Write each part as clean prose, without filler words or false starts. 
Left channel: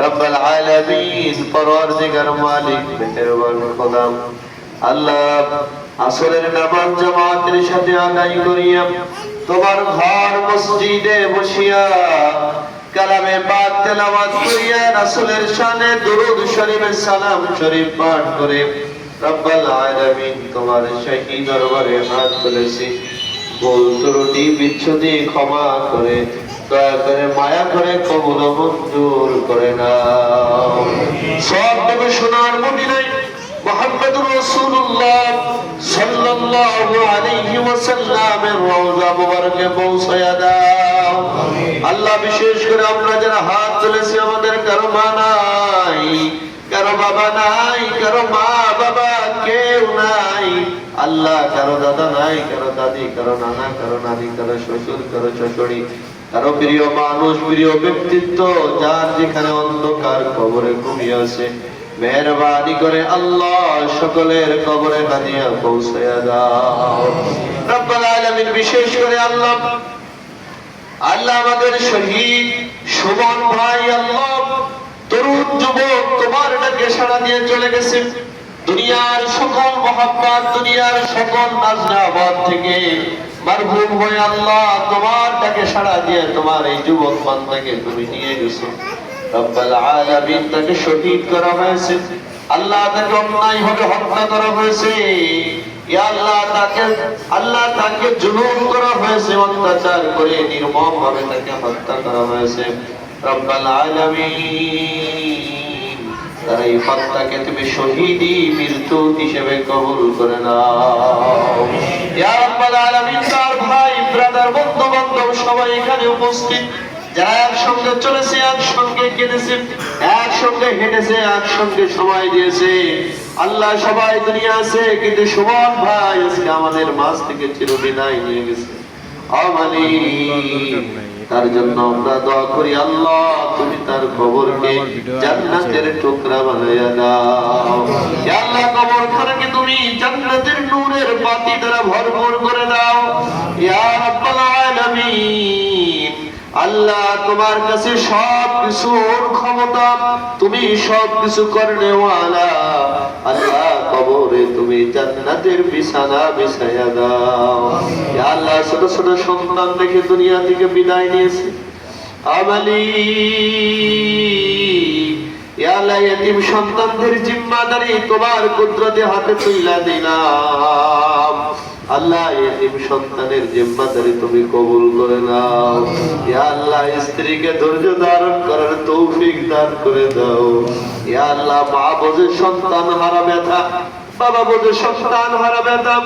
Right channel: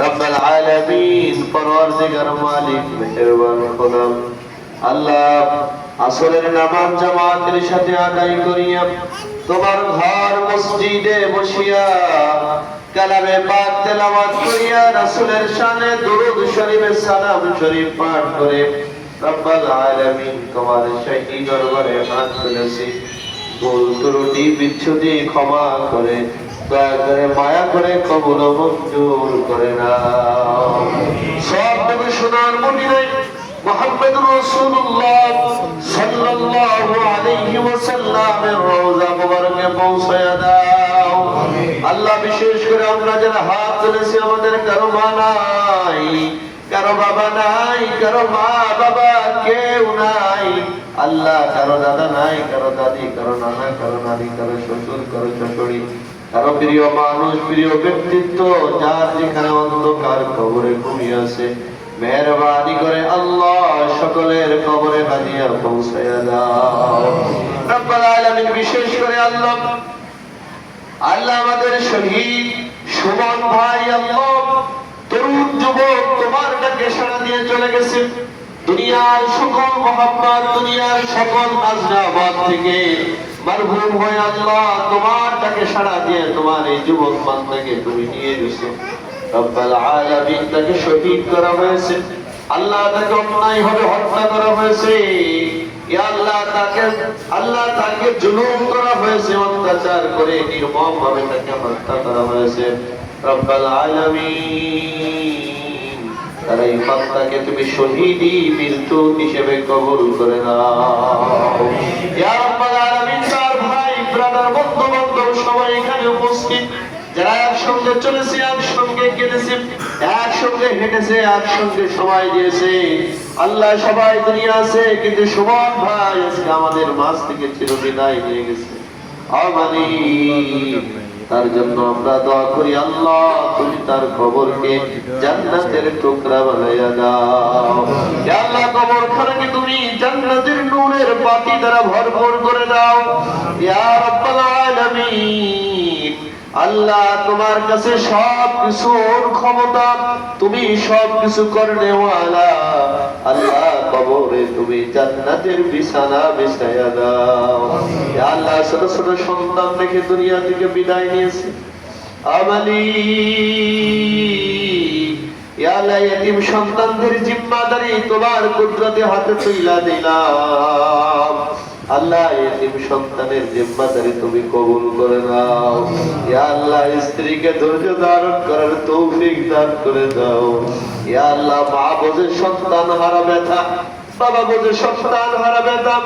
রব্বুল আলামিন পরওয়ারদিগার মালিক মেহেরবান খোদা আল্লাহ আসরের নামাজ জামাতের সাথে আদায় করিয়া তোমার ঘর মসজিদে বসিয়া কালামে পাক তেলাওয়াত করিয়া রাসূলের শানে দুরূদ শরীফ সালাম শরীফ পাঠ করে রব্বুল আলামিন তোমার শাহী দরবারে হাত তুলেছি ভুল ত্রুটি বিচ্ছুতি ক্ষমা করে দয়া করে মায়া করে কবুল ও মঞ্জুর করে নাও। সব থেকে সোনার মদিনায় মুহাম্মদুর রাসূলুল্লাহ সাল্লাল্লাহু আলাইহি ওয়াসাল্লামের রওজা মুবারকে পৌঁছায়া দাও। আল্লাহ বিশেষ করে আমরা যারা হাত তুলেছি আমাদের কারো মা নাই, কারো বাবা নাই, কারো মা বাবা কেউ নাই। আল্লাহ কারো দাদা নাই, কারো দাদি, কারো নানা, কারো নানি, কারো শ্বশুর, কারো শাশুড়ি, কারো প্রিয় মানুষ, প্রিয় ব্যক্তিত্ব যার যেখানে অন্ধকার কবরে ঘুমিয়ে আছে, মেহেরবানি করে আল্লাহ সকলের কবরে বাঁধিয়া পৌঁছায়া দাও। রব্বুল আলামিন বিশেষ করে আল্লাহ আমাদের শহীদ সুমন ভাই আল্লাহ তরুণ যুবক তোমার ডাকে সাড়া দিয়ে চলে গেছে। দুনিয়ার সকল মোহাম্মদ, দুনিয়ার সকল নাজরাবাদ থেকে মারহুম হয়ে আল্লাহ তোমার ডাকে সাড়া দিয়ে তোমার এই যুবক বান্দাকে তুমি নিয়ে গেছো। রব্বুল আলামিন তাকে শহীদ করা হয়েছে। আল্লাহ তাকে অন্যায়ভাবে হত্যা করা হয়েছে। ইয়া আল্লাহ তাকে জুলুম করা হয়েছে, অত্যাচার করে নির্মমভাবে তাকে হত্যা করা হয়েছে। রব্বুল আলামিন তার এই বান্দাকে তুমি শহীদি মৃত্যু হিসেবে কবুল করে নাও। ইয়া রব্বুল আলামিন তার ভাই ব্রাদার বন্ধু বান্ধব সবাই এখানে উপস্থিত, যারা একসঙ্গে চলেছে, একসঙ্গে কেটেছে, একসঙ্গে হেঁটেছে, একসঙ্গে সময় দিয়েছে। আল্লাহ সবাই দুনিয়া আছে, কিন্তু সুমন ভাই আজকে আমাদের মাঝ থেকে চিরবিদায় নিয়ে গেছে। তার জন্য আমরা দোয়া করি আল্লাহ তুমি তার কবরকে জান্নাতের টুকরা বানাইয়া দাও। ইয়া আল্লাহ কবরখানাকে তুমি জান্নাতের নূরের বাতি দ্বারা ভরপুর করে দাও। ইয়া রাব্বাল আলামিন আল্লাহ তোমার কাছে সব কিছুর ক্ষমতা, তুমি সব কিছু করনেওয়ালা। আল্লাহ কবরে তুমি জান্নাতের বিছানা বিছায়া দাও। ইয়া আল্লাহ ছোট ছোট সন্তান রেখে দুনিয়া থেকে বিদায় নিয়েছে আমালি। ইয়া আল্লাহ এতিম সন্তানদের জিম্মাদারি তোমার কুদরতে হাতে তুইলা দিলাম। আল্লাহ এতিম সন্তানের জিম্মাদারি তুমি কবুল করে নাও। ইয়া আল্লাহ স্ত্রীকে ধৈর্য ধারণ করার তৌফিক দান করে দাও। ইয়া আল্লাহ মা বোঝে সন্তান হারা ব্যথা, বাবা বোঝে সন্তান হারা ব্যথা।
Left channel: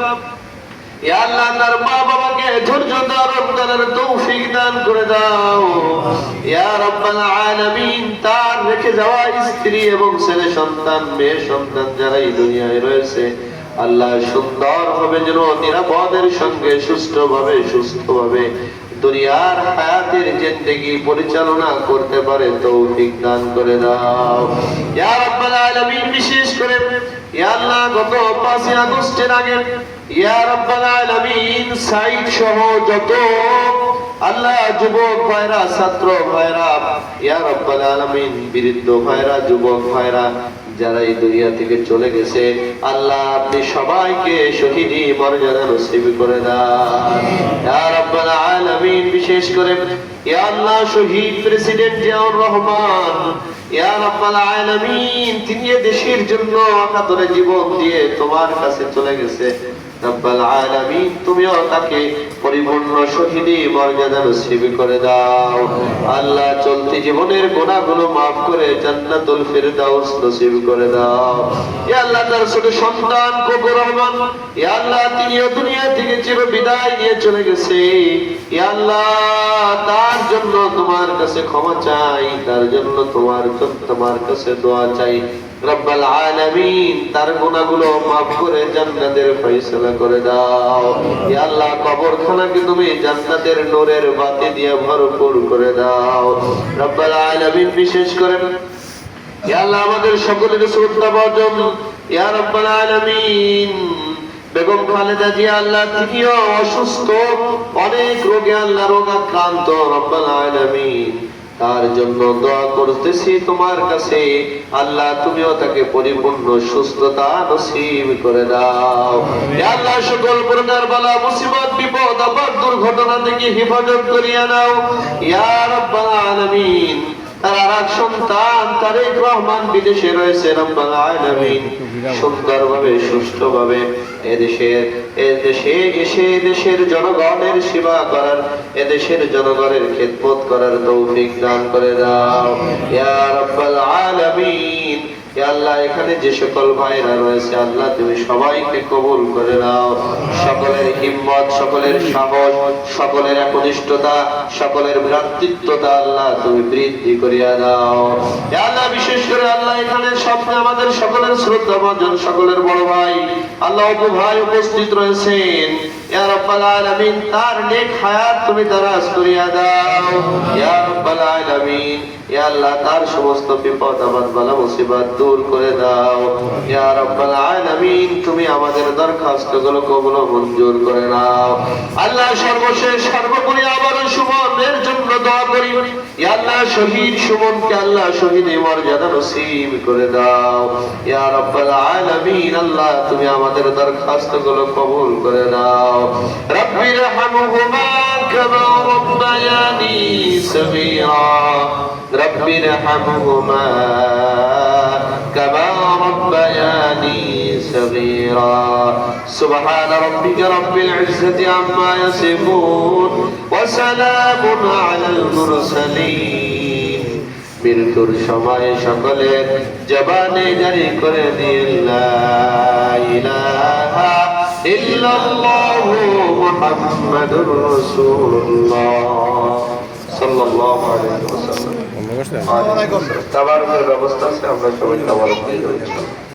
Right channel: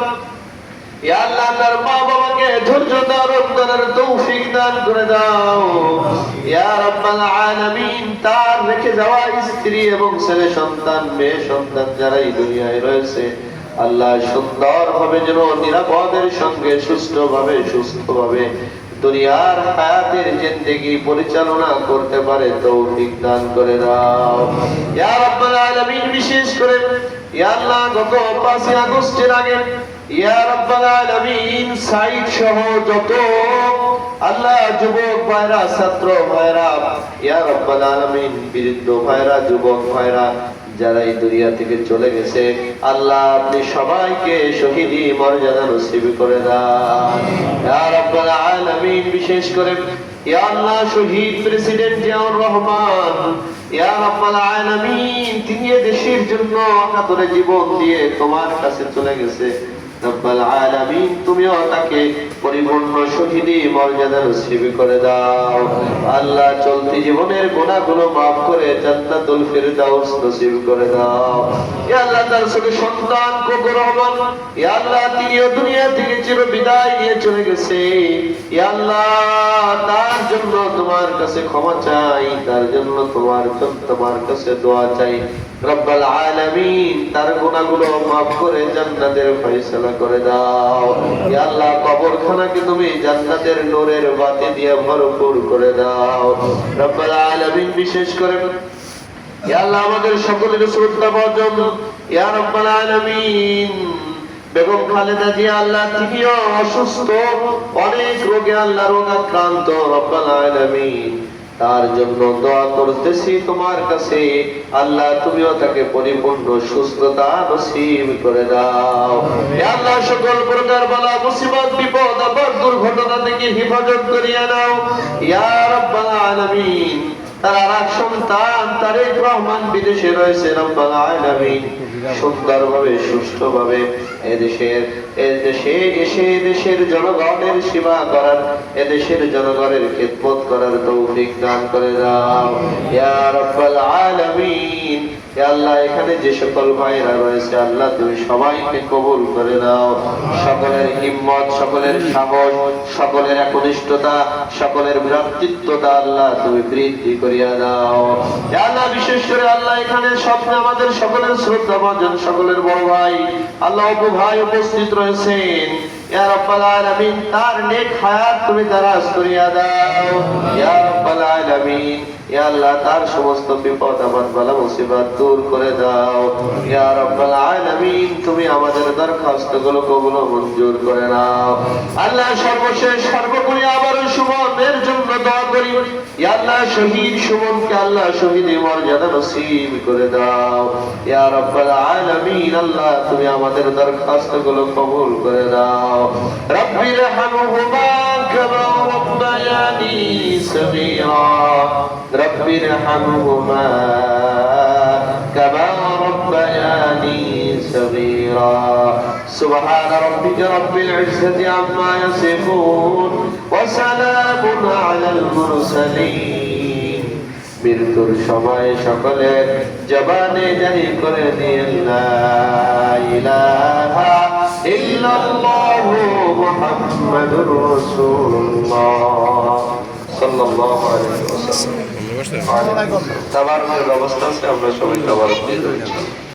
ইয়া আল্লাহ তার মা বাবাকে ধৈর্য ধারণ করার তৌফিক দান করে দাও। ইয়া রাব্বাল আলামিন তার রেখে যাওয়া স্ত্রী এবং ছেলে সন্তান, মেয়ে সন্তান যারা এই দুনিয়ায় রয়েছে আল্লাহ সুন্দর ভাবে যেন নিরাপদের সঙ্গে সুস্থভাবে দুনিয়ার হায়াতের জিন্দেগি পরিচালনা করতে পারে তৌফিক দান করে দাও। ইয়া রাব্বাল আলামিন বিশেষ করে ইয়া আল্লাহ গত 5 আগস্টের আগে ইয়া রাব্বাল আলামিন সাইদ সহ যত আল্লাহ যুবক ভাইরা, ছাত্র ভাইরা, ইয়া রাব্বাল আলামিন বৃদ্ধ ভাইরা, যুবক ভাইরা যারা এই দুনিয়া থেকে চলে গেছে আল্লাহ আপনি সবাইকে শহীদি মর্যাদা নসিব করে দাও। ইয়া রাব্বাল আলামিন বিশেষ করে ইয়া আল্লাহ শহীদ প্রেসিডেন্ট জিয়াউর রহমান, ইয়া রাব্বাল আলামিন তিনি দেশের জন্য একাত্তরে জীবন দিয়ে তোমার কাছে চলে গেছে। রব্বুল আলামিন তুমিও তাকে পরিপূর্ণ শহীদি মর্যাদা নসিব করে দাও। আল্লাহ চলতি জীবনের গুনাহগুলো maaf করে জান্নাতুল ফিরদাউস নসিব করে দাও। ইয়া আল্লাহ তার ছোট সন্তান কোকো রহমান, ইয়া আল্লাহ তিনিও দুনিয়া থেকে চিরবিদায় নিয়ে চলে গেছে। ইয়া আল্লাহ তার জন্য তোমার কাছে ক্ষমা চাই, তার জন্য তোমার কাছে দোয়া চাই। রব্বুল আলামিন তার গুনাহগুলো maaf করে জান্নাতের ফয়সালা করে দাও। ইয়া আল্লাহ কবরখানাকে তুমি জান্নাতের নূরের বাতি দিয়ে ভরপুর করে দাও। রব্বুল আলামিন বিশেষ করে ইয়া আল্লাহ আমাদের সকলের শ্রদ্ধাভাজন ইয়া রাব্বাল আলামিন বেগম খালেদা জিয়া আল্লাহ তিনিও অসুস্থ, অনেক রোগে আল্লাহ রোগাক্রান্ত। রব্বুল আলামিন তার জন্য দোয়া করতেছি তোমার কাছে, আল্লাহ তুমিও তাকে পরিপূর্ণ সুস্থতা নসিব করে দাও। ইয়া আল্লাহ সকল প্রকার বালা মুসিবত বিপদ আপদ দুর্ঘটনা থেকে হেফাজত করিয়া নাও ইয়া রাব্বাল আলামিন। তার আরেক সন্তান তারেক রহমান বিদেশে রয়েছে, রব্বাল আলামিন সুন্দরভাবে সুষ্ঠুভাবে এদেশের জনগণের সেবা করার, এদেশের জনগণের খেদমত করার তৌফিক দান করে দাও ইয়া রাব্বাল আলামিন। ইয়া আল্লাহ এখানে যে সকল ভাইরা রয়েছে আল্লাহ তুমি সবাইকে কবুল করে নাও, সকলের হিম্মত, সকলের সাহস, সকলের একনিষ্ঠতা, সকলের ভ্রাতৃত্বতা আল্লাহ তুমি বৃদ্ধি করিয়া দাও ইয়া আল্লাহ। বিশেষ করে আল্লাহ এখানে স্বপ্নে আমাদের সকলের শ্রদ্ধাভাজন সকলের বড় ভাই আল্লাহ অপু ভাই উপস্থিত রয়েছেন ইয়া রাব্বাল আলামিন, তার নেক হায়াত তুমি দারাজ করিয়া দাও ইয়া রাব্বাল আলামিন। ইয়া আল্লাহ তার সমস্ত বিপদ আপদ বালা মুসিবত দূর করে দাও ইয়া রাব্বাল আলামিন। তুমি আমাদের দরখাস্তগুলো কবুল ও মঞ্জুর করে নাও আল্লাহ। সর্বশেষ সর্বোপরি আবার সুমনের জন্য দোয়া করি ইয়া আল্লাহ, শহীদ সুমনকে আল্লাহ শহীদ মর্যাদা নসিব করে দাও ইয়া রাব্বাল আলামিন। আল্লাহ তুমি আমাদের দরখাস্তগুলো কবুল করে দাও। রব্বির হামহুমা কামা রাব্বায়ানি সগীরা, রব্বির হামহুমা কামা রাব্বায়ানি সগীরা। সুবহান রাব্বিকা রাব্বিল ইজ্জাতি আম্মা ইয়াসিফুন ওয়া সালামুন আলাল মুরসালিন। মৃত্যুর সময় সকলের জবানে জারি করে দিন লা ইলাহা ইল্লাল্লাহু মুহাম্মাদুর রাসূলুল্লাহ সাল্লাল্লাহু আলাইহি ওয়াসাল্লাম। তাবারকের ব্যবস্থা আছে, আমরা সবাই তাবারক করি।